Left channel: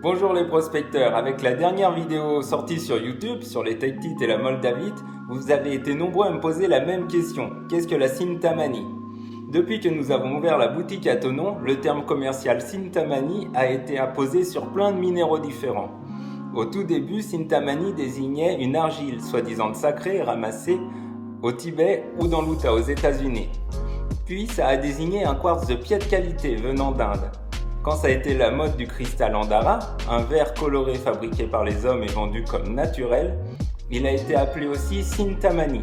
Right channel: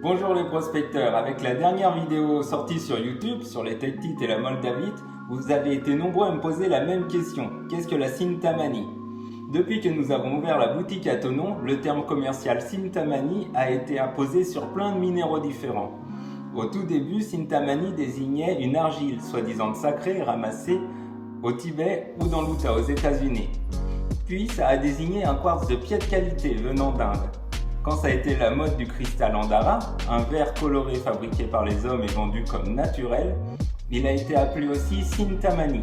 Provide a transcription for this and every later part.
Bonjour les prospecteurs, avec la dernière vidéo sortie sur YouTube sur les tektites et la moldavite, vous avez été nombreux à me poser la même question. Qu'est-ce que la Cintamani? Depuis que nous avons ouvert la boutique à Thonon, le terme commercial Cintamani a été apposé sur plein de minéraux différents. Au tout début, Cintamani désignait une argile soi-disant sacrée ramassée au Tibet ou dans l'Utah aux États-Unis. Puis ça a désigné un quartz de pied de qualité venant d'Inde. Quand ça a été la mode du cristal Andara, un verre coloré fabriqué par les hommes et vendu comme naturel, il a été appelé aussi Cintamani.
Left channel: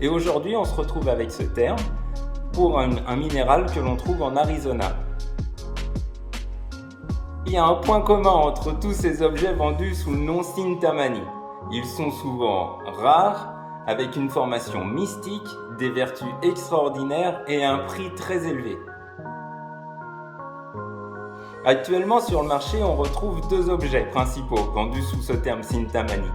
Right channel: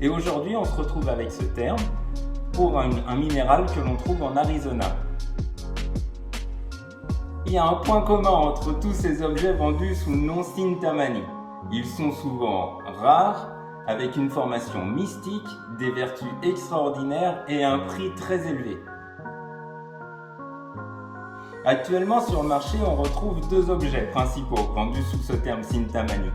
Et aujourd'hui, on se retrouve avec ce terme pour un minéral que l'on trouve en Arizona. Il y a un point commun entre tous ces objets vendus sous le nom Cintamani. Ils sont souvent rares, avec une formation mystique, des vertus extraordinaires et un prix très élevé. Actuellement sur le marché, on retrouve deux objets principaux vendus sous ce terme Cintamani.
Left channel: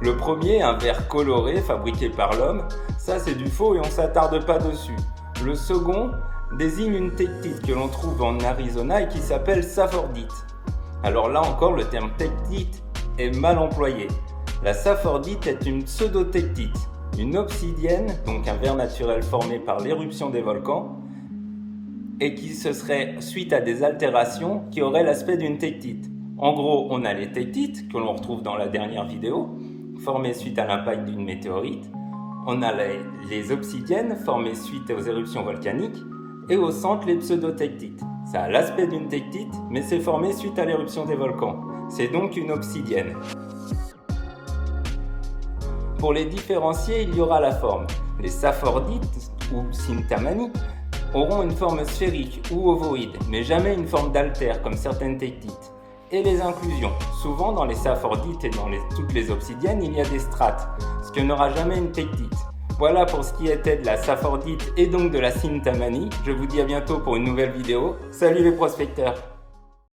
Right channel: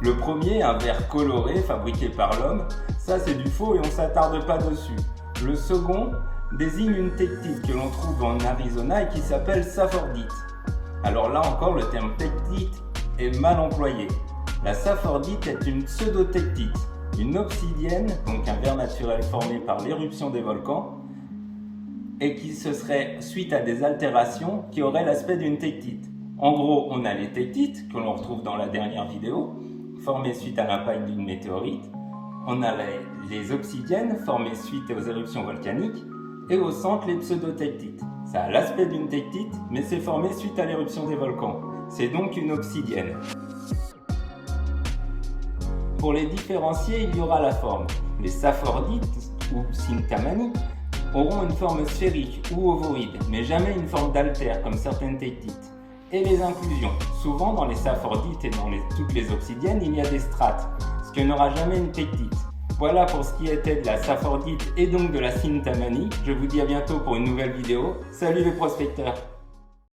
Le premier, un verre coloré fabriqué par l'homme, ça c'est du faux et on ne s'attarde pas dessus. Le second désigne une tektite que l'on trouve en Arizona et qui s'appelle saphordite. Alors là encore, le terme tektite est mal employé. La saphordite est une pseudo-tektite, une obsidienne, donc un verre naturel formé par l'éruption des volcans, et qui se serait suite à des altérations qui auraient l'aspect d'une tektite. En gros, on a les tektites, que l'on retrouve dans la dernière vidéo, formées suite à l'impact d'une météorite. On a les obsidiennes, formées suite aux éruptions volcaniques, et au centre, les pseudo-tektites. Ça a l'aspect d'une tektite, mais c'est formé suite à l'éruption des volcans. C'est donc une obsidienne. Pour les différencier, il y aura la forme. Les sapphordites, ou Cintamani, auront une forme sphérique ou ovoïde, mais jamais une forme d'altère comme certaines tektites. Et les inclusions. Souvent dans les saphordites et dans toutes les obsidiennes, il y a des strates, ce que n'aura jamais une tektite. Voilà pour ce qui était de la saphordite et donc de la Cintamani. Je vous dis à bientôt pour une nouvelle vidéo. Salut les prospecteurs!